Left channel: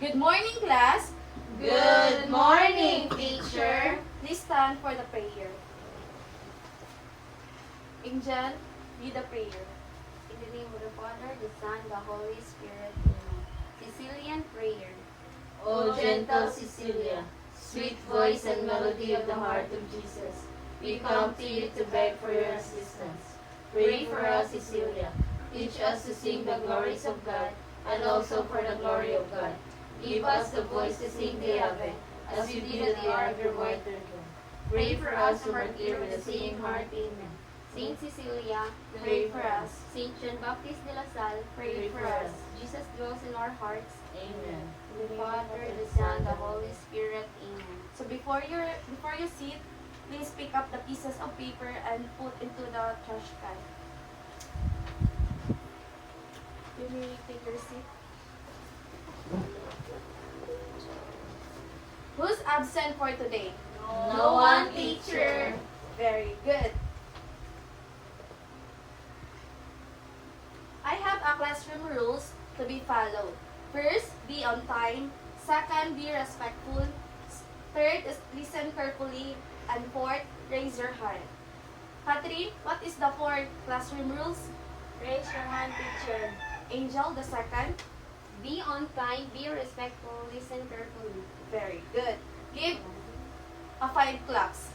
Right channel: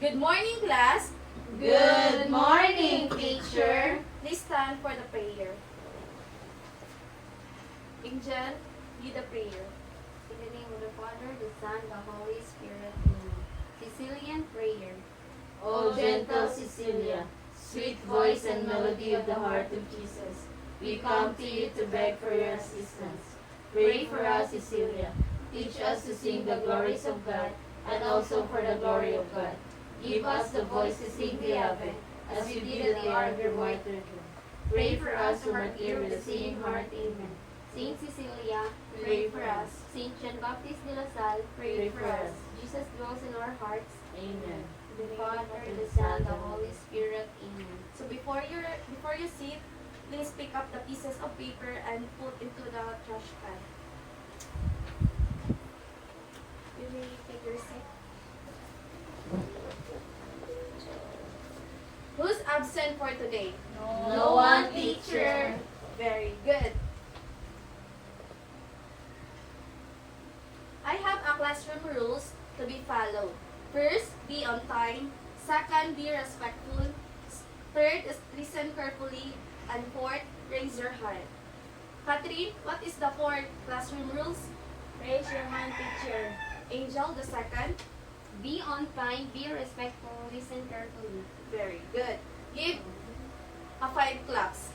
Good morning, class. Good morning, teacher. Please stand for the prayer. Angel, lead the prayer. In the name of the Father, the Son, the Holy Spirit. Amen. Sicilian prayer. O gentle Cecilia, sweet voice and melody of the heart of Jesus, we come to you to beg for your assistance. Pray for us, Cecilia. Teach us to sing the glories of God and also for the glory of God. Give us the voice to sing the Ave, as you did at the hour of your martyrdom. Pray for us who are here with a singing heart. Amen. Saint Cecilia, Pray for us. Saint John Baptist de la Salle, Pray for us. Jesus dwells in our hearts. Amen. In the Father, the Son, the Holy Spirit. Amen. So before you sit, please pick up the pieces of paper and put into the trash can. You may take your seat. Who's absent for today? No one, teacher. Very good. I have a classroom rules to be followed. First, be on time. Second, be respectful. Third is listen carefully. And fourth, raise your hand. Catherine, what is the fourth classroom rules? Raise your hand, teacher. Angel, the second. Be on time, be respectful, listen carefully. Very good. Give a 5 claps.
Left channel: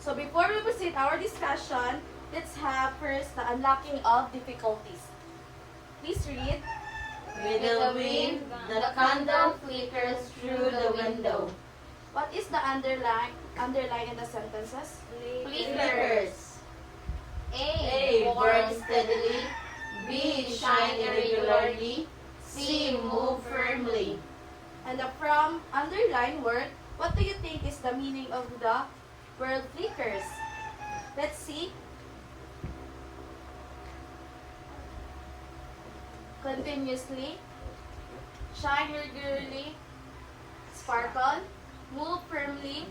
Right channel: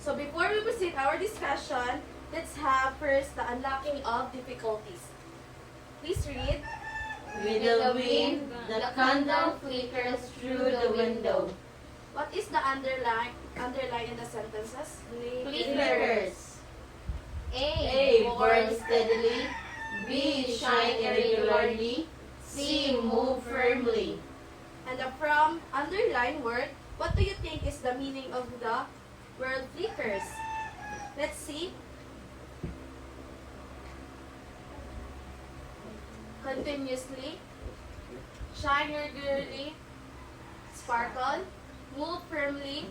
So before we proceed our discussion, let's have first the unlocking of difficulties. Please read. With the wind, the candle flickers through the window. What is the underline in the sentences? Flickers. A. A. Burn steadily. B. Shine irregularly. C. Move firmly. And from underline word, what do you think is the meaning of the word flickers? Let's see. Continuously, shine regularly, sparkle, move firmly,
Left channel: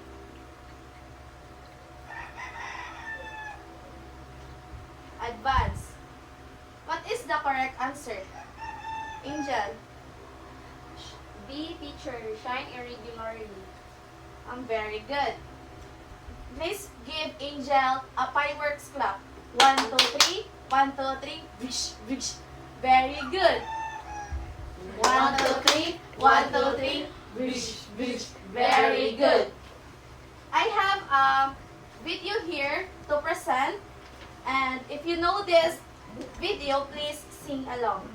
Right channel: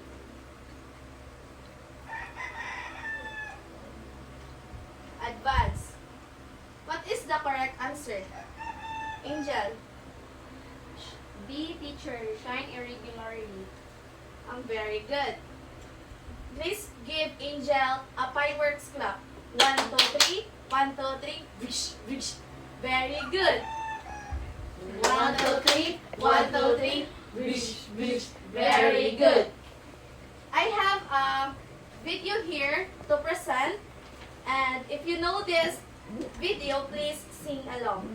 advance. What is the correct answer? Angel, B. Teacher, shine irregularly. I'm very good. Please give Angel a fireworks clap. 1, 2, 3. 1, 2, 3. Wish, wish. Very good. 1, 2, 3. 1, 2, 3. Wish, wish. Very good. I have a video here to present. And if you know this video, please sing along.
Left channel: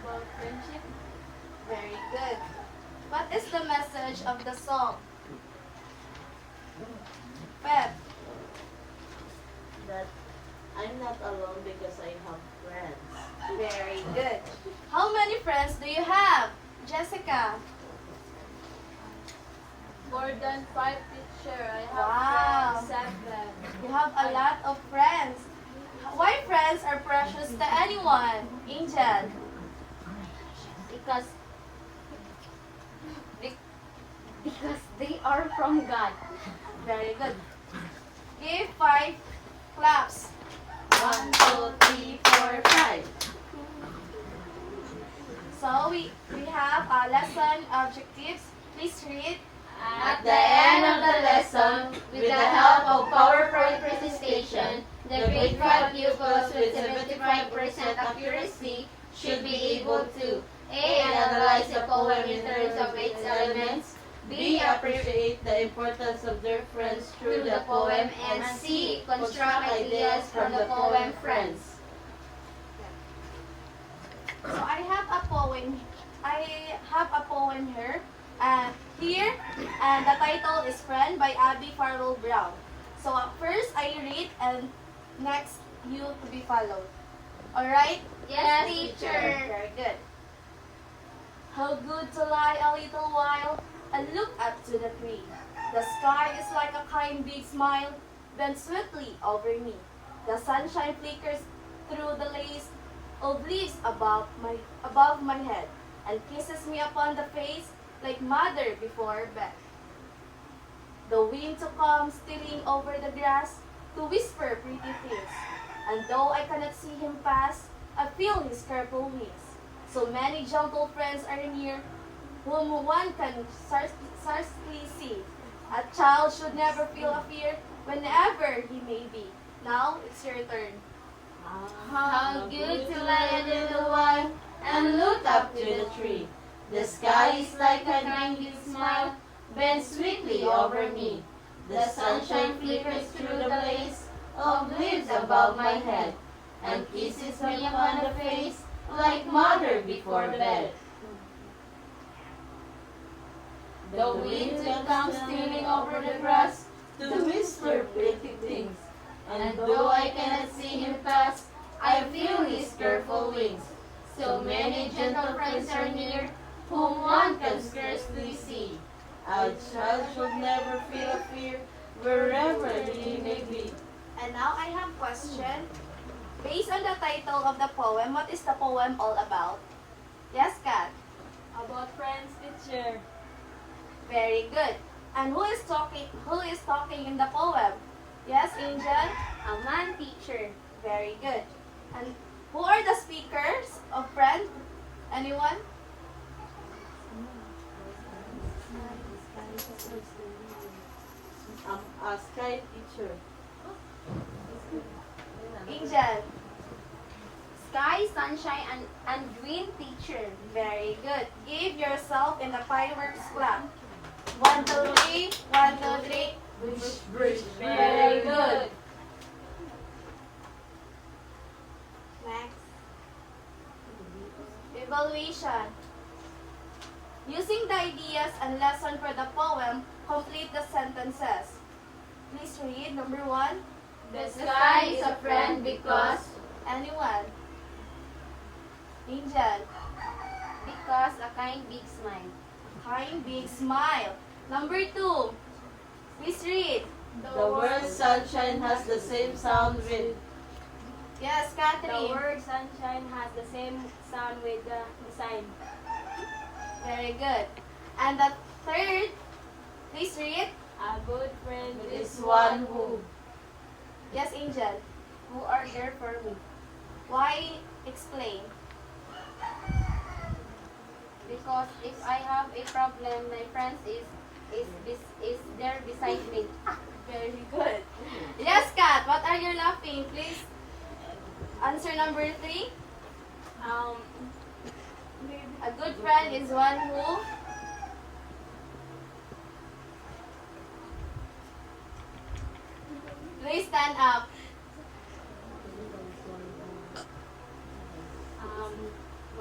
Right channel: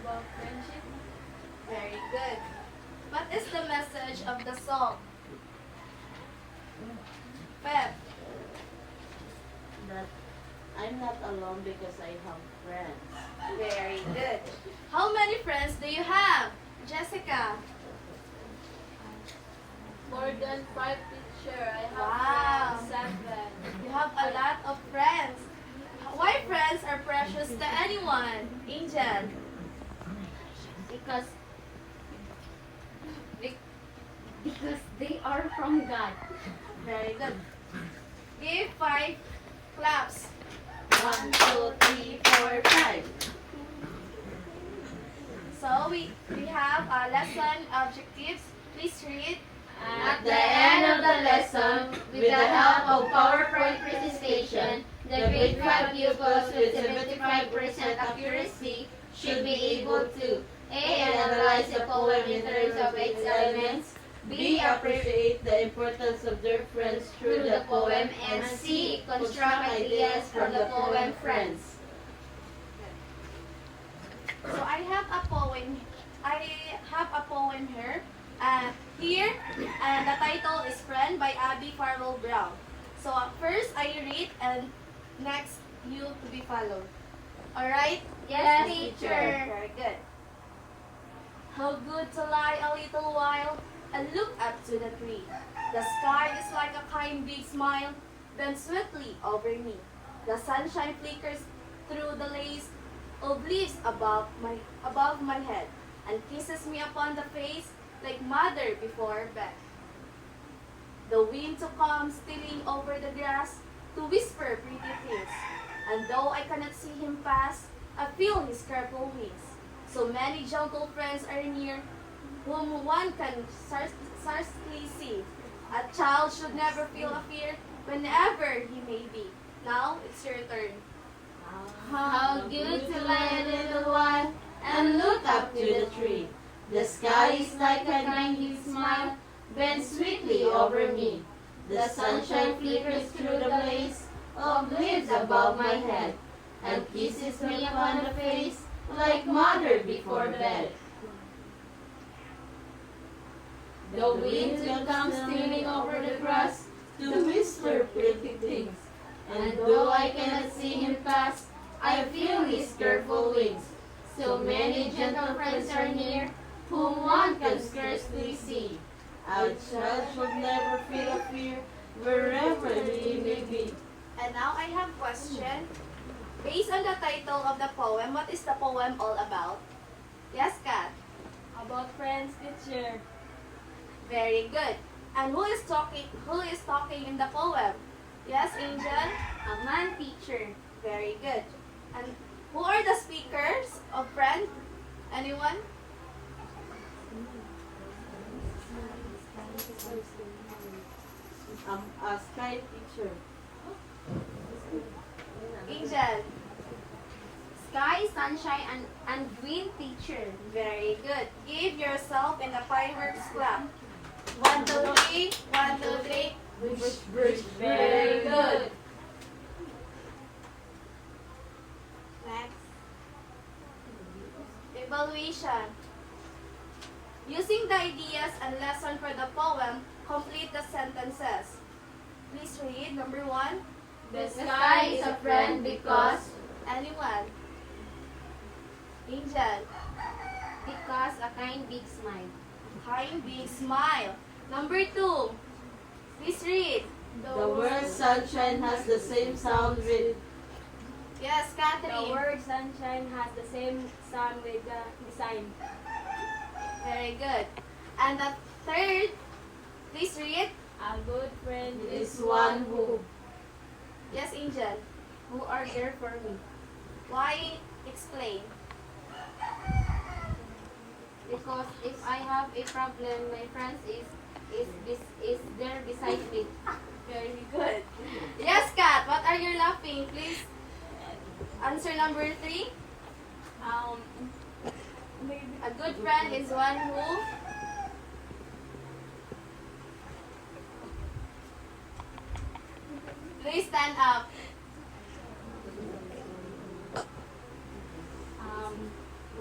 about friendship. Very good. What is the message of the song? Pep. That I'm not alone because I have friends. Very good. How many friends do you have? Jessica. More than 5, teacher. I have Wow. friends, Sandland. You have a lot of friends. Why friends are precious to anyone? Angel. Because because they are from God. Very good. Give 5 claps. 1, 2, 3, 4, 5. So we have a lesson objectives. Please read. At the end of the lesson, with the help of PowerPoint presentation, the grade 5 pupils with 75% accuracy should be able to A. Analyze the poem in terms of its elements, B. Appreciate the importance of their friends through the poem, and C. Construct ideas from the poem Friends. So I have a poem. I have a poem here. Here, and the title is Friend by Abby Farwell Brown. So first I read, and next you to be followed. Alright? Yes, teacher. Very good. How good to lie a little while and look up to the tree. The sky is like a kind big smile, bent sweetly over me. The sunshine flickers through the lace of leaves above my head, and kisses me upon the face like mother before bed. The wind to come stealing over the grass to whisper pretty things, and though I cannot see him pass, I feel his careful wings. So many gentle friends are near, whom one can scarcely see. A child should never feel a fear whenever he may be. Now it's your turn. How good to lie a little while and look up to the tree. The sky is like a kind smile, bent sweetly over me. The sunshine flickers through the blaze of leaves above my head, and kisses me upon the face like mother before bed. The wind will come stealing over the grass to whisper pretty things, and though I cannot see him pass, I feel his careful wings. So many gentle friends are near, whom one can scarcely see. A child should never feel a fear, wherever he may be. And now I have question. Based on the title of the poem, what is the poem all about? Yes, Kat? About friends, teacher. Very good. And who is talking in the poem? Yes, Angel? A man, teacher. Very good. And who are the speakers of Friend? Anyone? A sky teacher. Angel? Sky, sunshine, and green, teacher. Very good. Give yourself in a fireworks clap. 1, 2, 3. 1, 2, 3. Brush. Very good. Next. Evaluation. Using the ideas and lesson for the poem, complete the sentences. Please read number 1. The sky is a friend because Anyone? Angel. Because a kind big smile. Kind big smile. Number 2. Please read. the word sunshine has the same sound with Yes, Catherine. sunshine has the same sound with the sign. Very good. And the third, please read. A good friend is one who. Yes, Angel. who are there for me. Why explain? Because if I have a problem, my friends is there beside me. Very good. Yes, Kat. What are you laughing? Please answer number 3. A good friend is one who. Please stand up.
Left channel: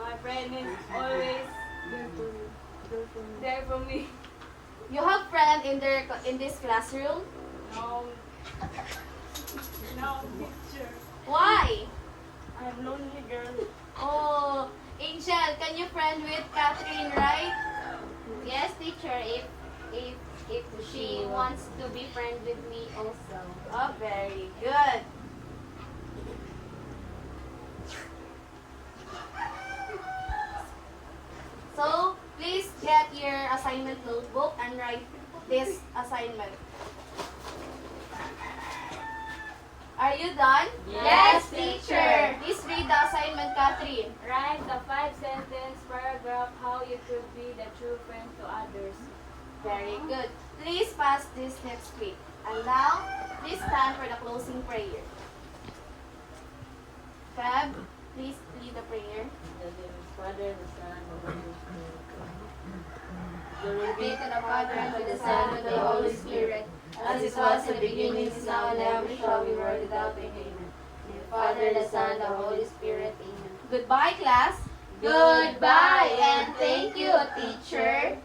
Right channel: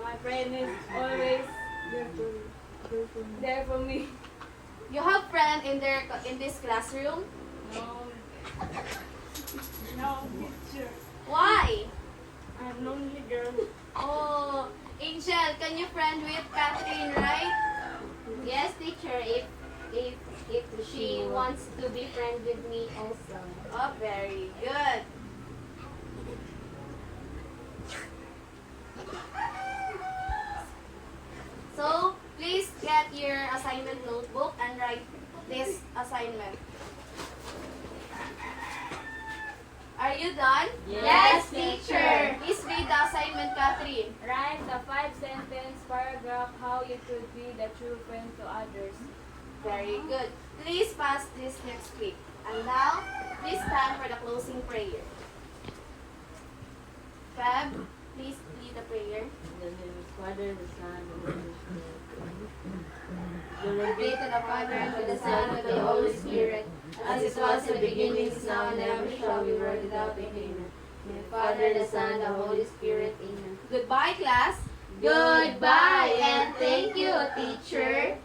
My friend is always there for me. You have friend in this classroom? No. No, teacher. Why? I'm lonely girl. Oh, Angel, can you friend with Catherine, right? Yes, teacher, if she wants to be friend with me also. Oh, very good. So, please get your assignment notebook and write this assignment. Are you done? Yes, teacher. Please read the assignment, Catherine. Write the 5-sentence paragraph how you could be the true friend to others. Very good. Please pass this next week. And now, please stand for the closing prayer. Fab, please lead the prayer. Father, the Son, and the Holy Spirit. Glory Be to the Father, and to the Son, and to the Holy Spirit, as it was in the beginning, is now, and ever shall be, world without end. Amen. In the Father, the Son, and the Holy Spirit. Amen. Goodbye, class. Goodbye, and thank you, teacher.